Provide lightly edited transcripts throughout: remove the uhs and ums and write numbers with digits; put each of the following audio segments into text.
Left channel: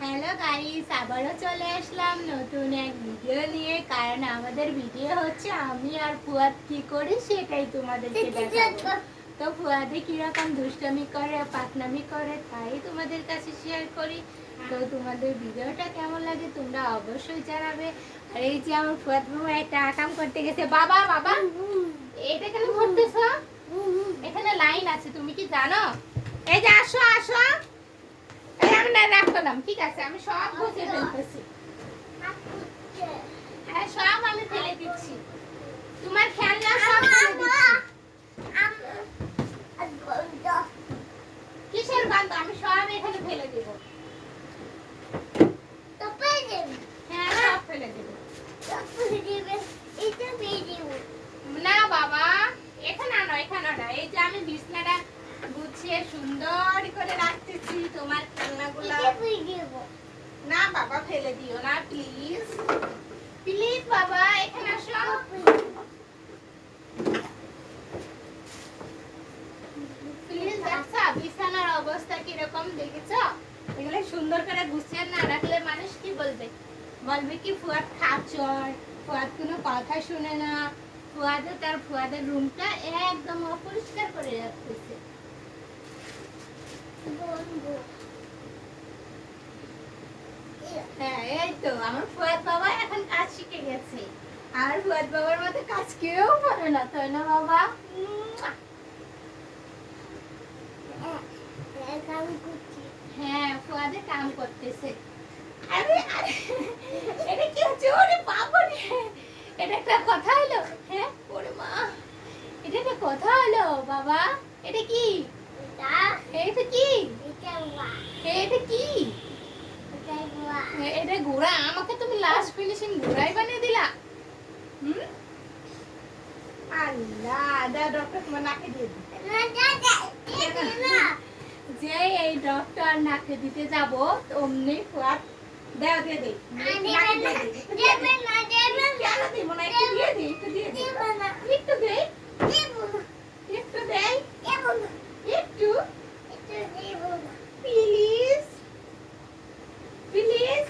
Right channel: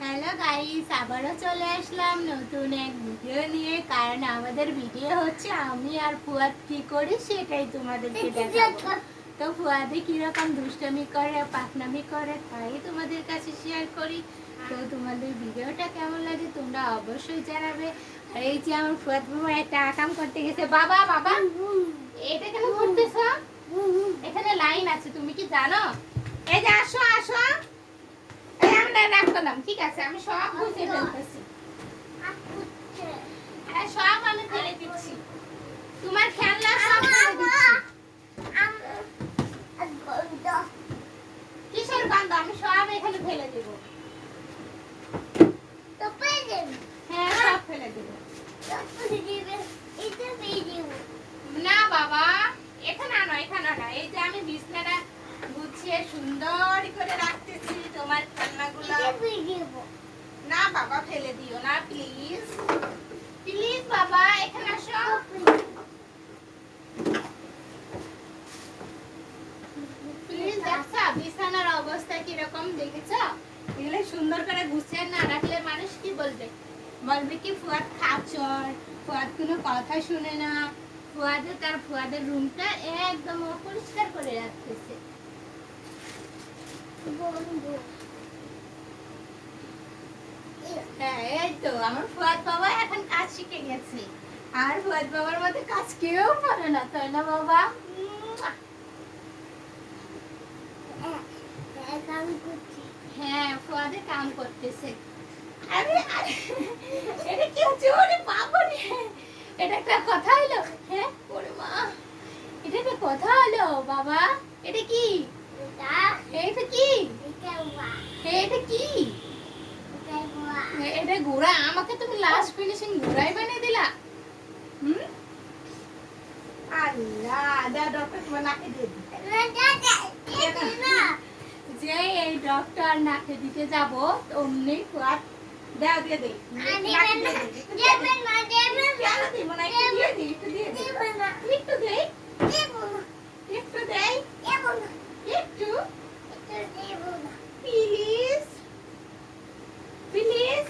Hello guys, আবারও চলে আসলাম নতুন এক ভিডিও নিয়ে। কারণ আমাদের ভিডিও হচ্ছে আমি আর ফুয়াদ কি করি সেটাই তোমাদেরকে দেখাবো। তো ফুয়াদে কিরকম দুষ্টামি করে, পাকনামি করে, তাই তোমাদের কাছে শেয়ার করি। তো তোমাদের ভিডিওটা কেমন লাগে তোমরা অবশ্যই জানাবে। আর এই যে আমার ফুয়াদ বাবা একটা আকাম করতে গেছে। বাবা বাবা এটা কেন করতেছ? এখানে লাইন আছে, তুমি কি জানো? এই যে আসো আসো, আমরা রাগ করলাম, ঠিক আছে, আমি সব বুঝে ফেলতেছি। হ্যাঁ, সব আমি ফেলে দিচ্ছি, তোমার খেলনা সব ফেলে দিচ্ছি। কিসের গন্ধ? আমি সব এখানে ফেলে দেবো। হ্যাঁ, সব ফেলে দেবো। না বাবা, এখানে আনো, এখানে আনো। এই যে আমি বিছনাটা গুছিয়ে সুন্দর করে রাখতেছি, তোমার খেলনাগুলো। না বাবা, ফেলে দিও না প্লিজ, প্লিজ বাবা, এখানে আসো। প্লিজ, দেখছো বিছানার অবস্থা কিরকম, দেখেছো? এগুলো সুন্দর করে গুছিয়ে না রাখলে মানুষ কি বলবে? বলবে কি ফুয়াদ খাচর, ফুয়াদ কোনো কথা শুনে না। ফুয়াদের রুমটা একদম অপরিষ্কার করে রাখতেছে। হ্যাঁ, এই তো আমার ফুয়াদ বাবা এখন কাজ শিখে গেছে। আর ফুয়াদ বাবার মধ্যে কাজ কেউ পারে না, তাই না বাবা? হ্যাঁ, ফুয়াদে কাম করতেছে। আরে আরে, এটা কি হচ্ছে? ওরে বাবা রে, এটা একটা কথা হলো? হ্যাঁ, ওরে মা, এটা একটা কথা হলো বাবা? এটা কি? এটা কি? এটা কি? এটা ঘোড়া? আমাকে তুমি লাস্ট ফিনিশিং ঘোড়াই বানিয়ে দিলা। হুম, আল্লাহ, দা ডক্টর তোমার নাকে দিয়ে দিই। যে এই ডক্টর নাকে দিতে যাব অমনি ফুয়াদ দাও দিয়ে দেই। একটু দেই, একটু দেই, একটু প্লিজ প্লিজ।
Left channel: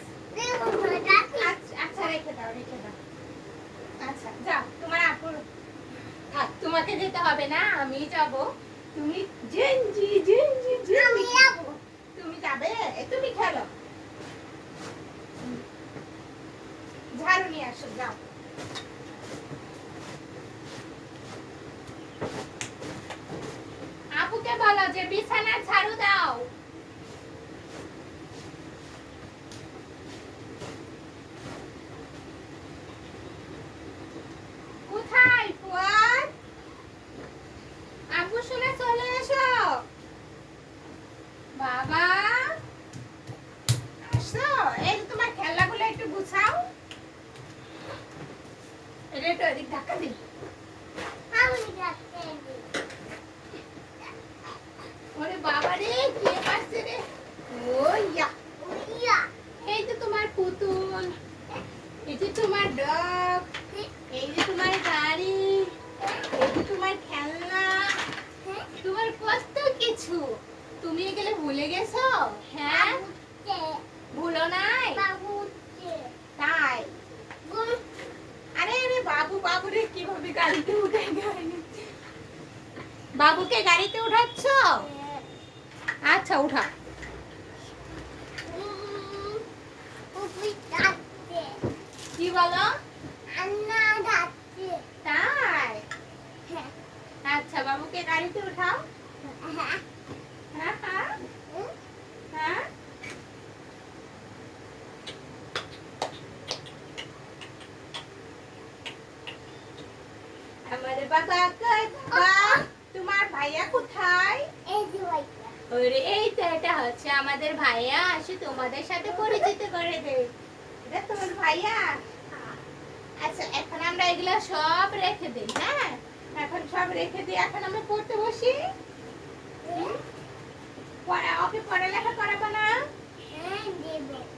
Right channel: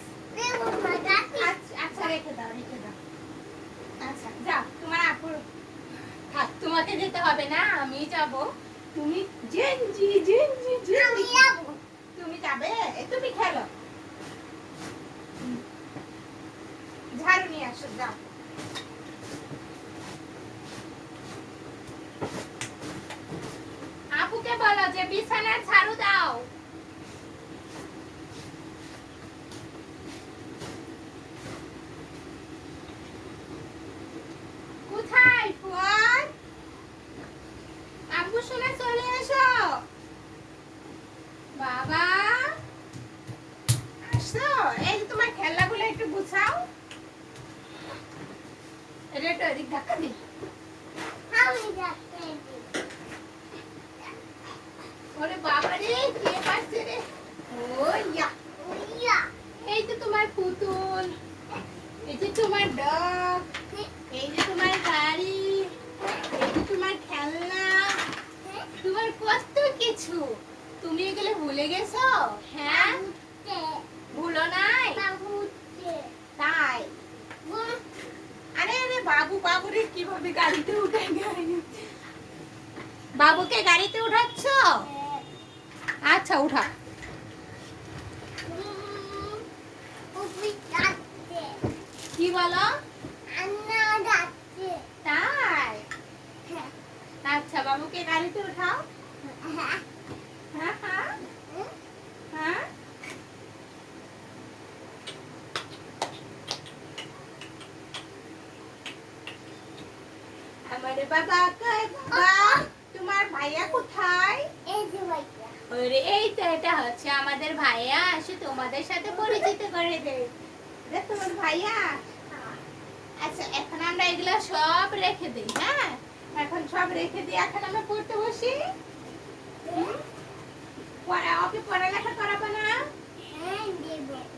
আচ্ছা, রেখে দাও, রেখে দাও। আচ্ছা যাও, তোমার আপুর থাক, তোমাকে যেতে হবে না, আমি যাব। তুমি জেনজি জেনজি জেনজি, তুমি যাবে? তুমি খেলো, ঝাড়ু নিয়ে আসো, যাও। আপুকে বলো যে বিছানার ঝাড়ু দাও। কোথায় ফুয়াদ? আব্বু শুনে চলে এসো। বাবা আসো, এই যে তোমার খেলনাগুলো একটু গুছাও। এটা একটু এদিক ধাক্কা দি। ওরে বাবা রে, কে পাচ্ছে রে? ও ইয়া, এই যে তোমার পুতুল, এই যে তোমার ডগ, এই যে তোমার গাড়ি, এই যে তোমার খেলনা, তোমার কত কিছু। তুমি এগুলো ভুলে গেছো? হ্যাঁ, ভুলো নাই তাই? আরে আরে, বাবু বাবু রে, কিভাবে গাড়িতে উঠাই? বাবুকে গাড়িতে উঠাচ্ছ? আচ্ছা, উঠা। কি বলো? তাই? আচ্ছা, বাবুকে গাড়িতে উঠাও। হ্যাঁ হ্যাঁ হ্যাঁ। আমার বাবা কই বাবা? তোমার ভাইয়া কোথায়? ওরে, এই তো, এটা হচ্ছে আমাদের ভাইয়া, আসে তোমাদের সাথে পরিচিত করে দেবে। এটা তোমার ভাইয়া? আচ্ছা, এখন আমরা এগুলো সব রেখে দিই। হ্যাঁ, এখন সব রেখে দিই, এখন আমরা পড়তে বসি। ওকে পড়ালেখা করাবো না?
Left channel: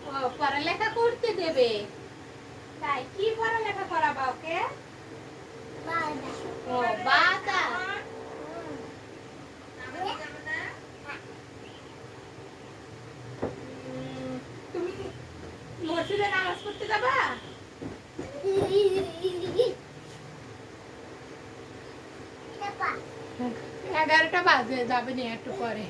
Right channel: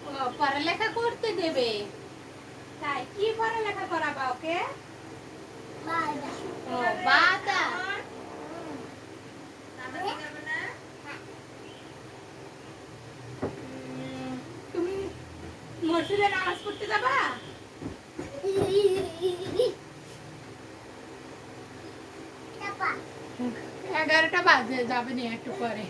ও, পড়ালেখা করতে দেবে? তাই, কি পড়ালেখা করাবা ওকে? ও, বাতা। তুমি মসজিদে নামাজ পড়তে যাবা? 11টা বাজে, যাবে না একটু পরে।